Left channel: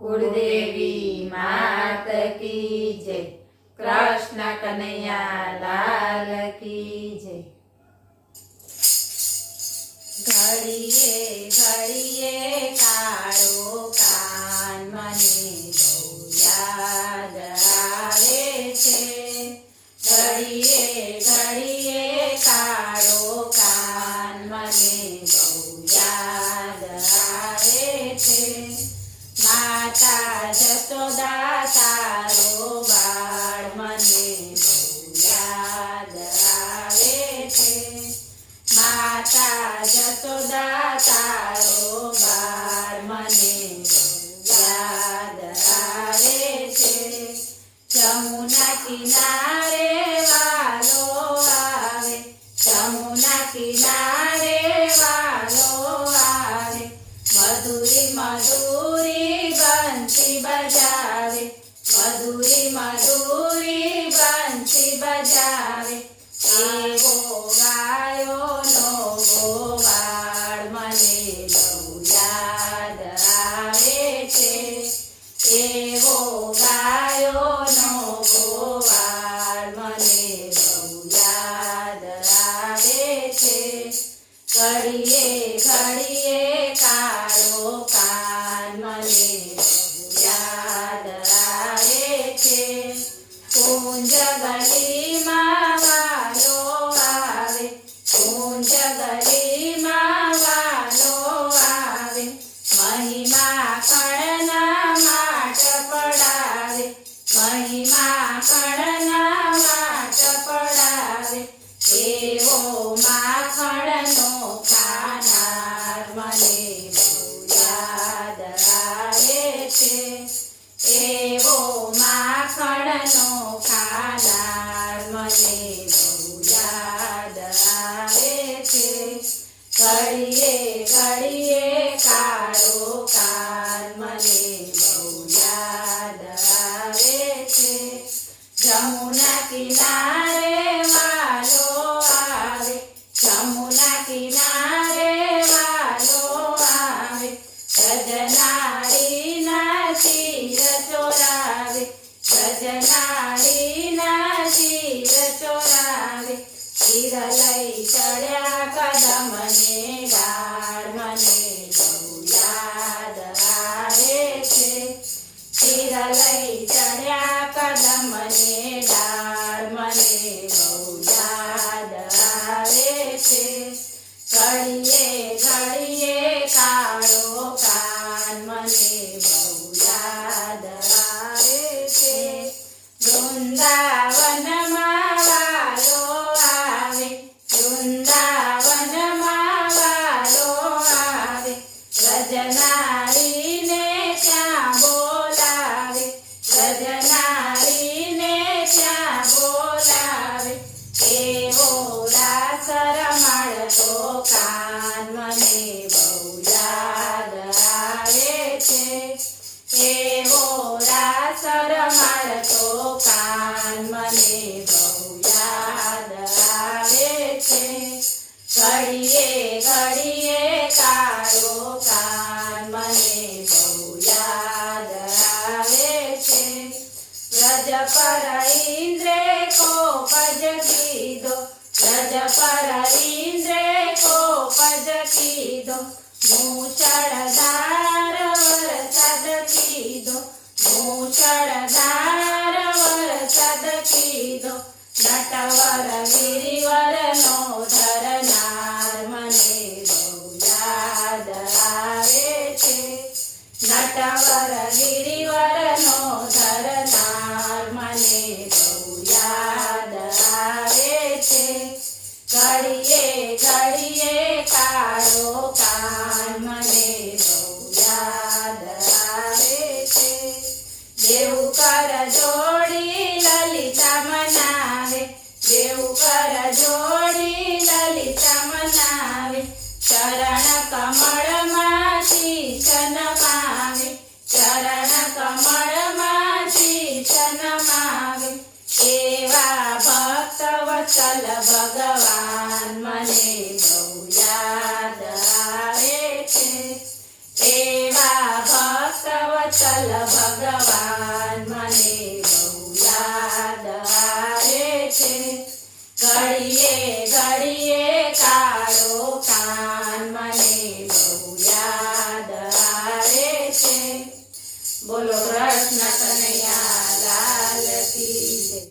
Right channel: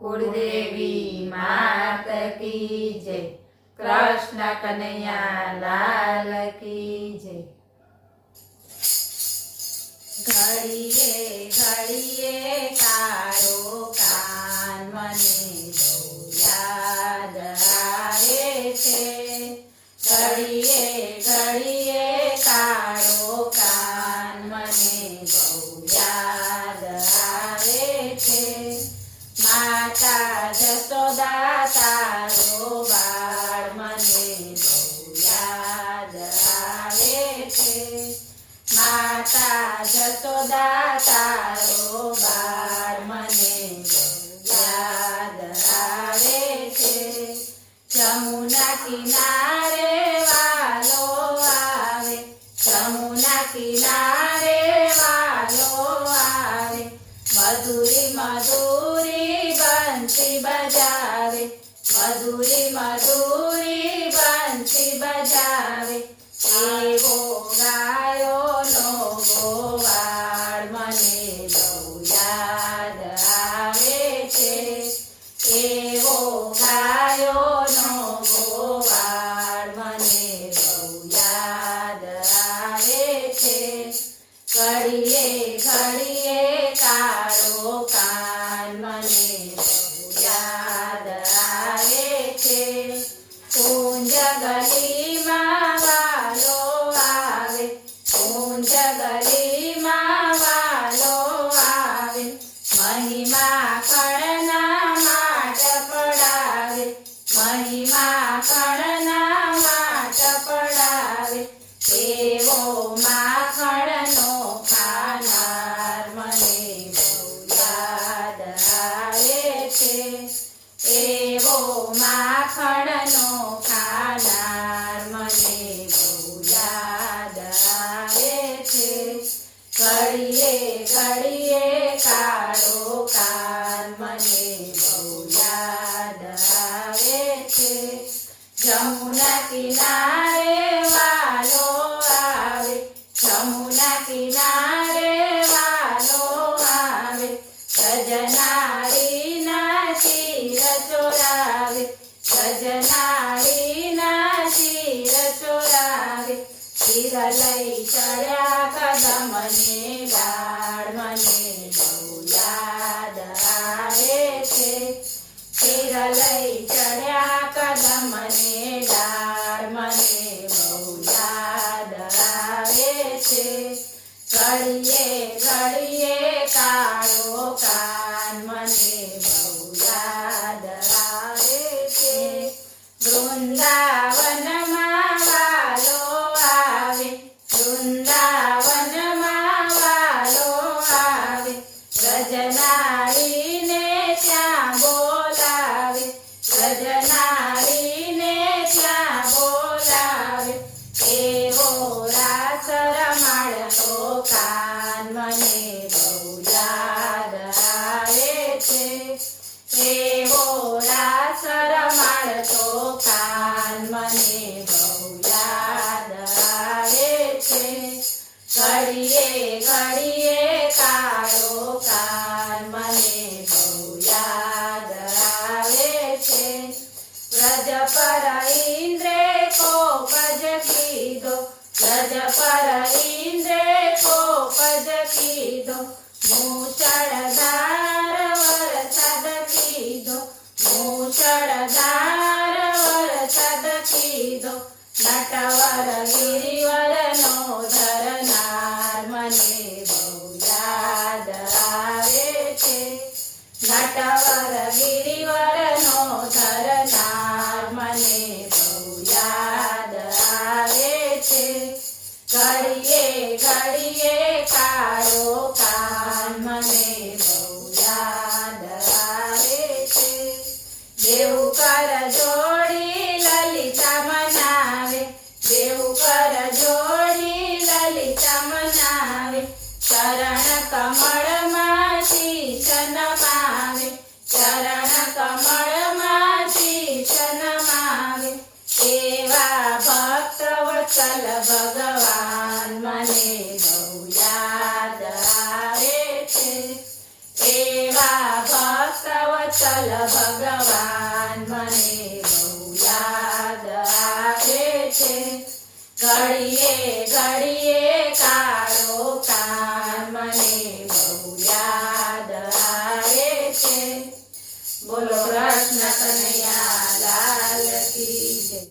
कुलदेवी मात की जय। कृष्ण कन्हैया लाल की जय। घड़िए घड़िए कारो कान मने बहू याद आवे छे। घड़िए घड़िए कारो कान मने बहू याद आवे छे। माता जसोदा तारो बाळ मने बहू याद आवे छे। माता जसोदा तारो बाळ मने बहू याद आवे छे। जमुना किनारे वालो आवे, जमुना किनारे वालो आवे। मधुरी मधुरी बंसी बजावे, मधुरी मधुरी बंसी बजावे। एवो गायो नो गोवाळ मने बहू याद आवे छे। एवो गायो नो गोवाळ मने बहू याद आवे छे। घड़िए घड़िए कारो कान मने बहू याद आवे छे। कुंज गलीमां वालो आवे, कुंज गलीमां वालो आवे। महिमा खड़ना माट पड़ावे, महिमा खड़ना माट पड़ावे। एवो माखणनो खानार मने बहू याद आवे छे। एवो माखणनो खानार मने बहू याद आवे छे। घड़िए घड़िए कारो कान मने बहू याद आवे छे। जमुना किनारे वालो आवे, जमुना किनारे वालो आवे। गजनारी ना चीर चोरावे, गजनारी ना चीर चोरावे। चीर लई चढ़्या कदमने डाळ मने बहू याद आवे छे। चीर लई चढ़्या कदमने डाळ मने बहू याद आवे छे। घड़िए घड़िए कारो कान मने बहू याद आवे छे। वृंदावનમાં વાલો આવે, વૃંદાવનમાં વાલો આવે। ગજનારીને ત્યાં બોલાવે, ગજનારીને ત્યાં બોલાવે। એવો રાસ રમાડતો કાન મને બહુ યાદ આવે છે। એવો રાસ રમાડતો કાન મને બહુ યાદ આવે છે। ઘડીએ ઘડીએ કાળો કાન મને બહુ યાદ આવે છે। વ્રજ પર ઇન્દ્રે કોપ જ કીધો, વ્રજ પર ઇન્દ્રે કોપ જ કીધો। મૂછળધાર વરસાદ કીધો, મૂછળધાર વરસાદ કીધો। નટવર ગિરિવરનો ધરનાર મને બહુ યાદ આવે છે। નટવર ગિરિવરનો ધરનાર મને બહુ યાદ આવે છે। ઘડીએ ઘડીએ કાળો કાન મને બહુ યાદ આવે છે। દેવ કર જોડી લલિતા મનાવે, દેવ કર જોડી લલિતા મનાવે। ચરણ કમળમાં શીશ નમાવે, ચરણ કમળમાં શીશ નમાવે। એવા ભક્ત વત્સલ ભગવાન મને બહુ યાદ આવે છે। એવા ભક્ત વિઠ્ઠલ ભગવાન મને બહુ યાદ આવે છે ઘડીએ ઘડીએ કાળો કાન મને બહુ યાદ આવે છે બોલો કૃષ્ણ કનૈયા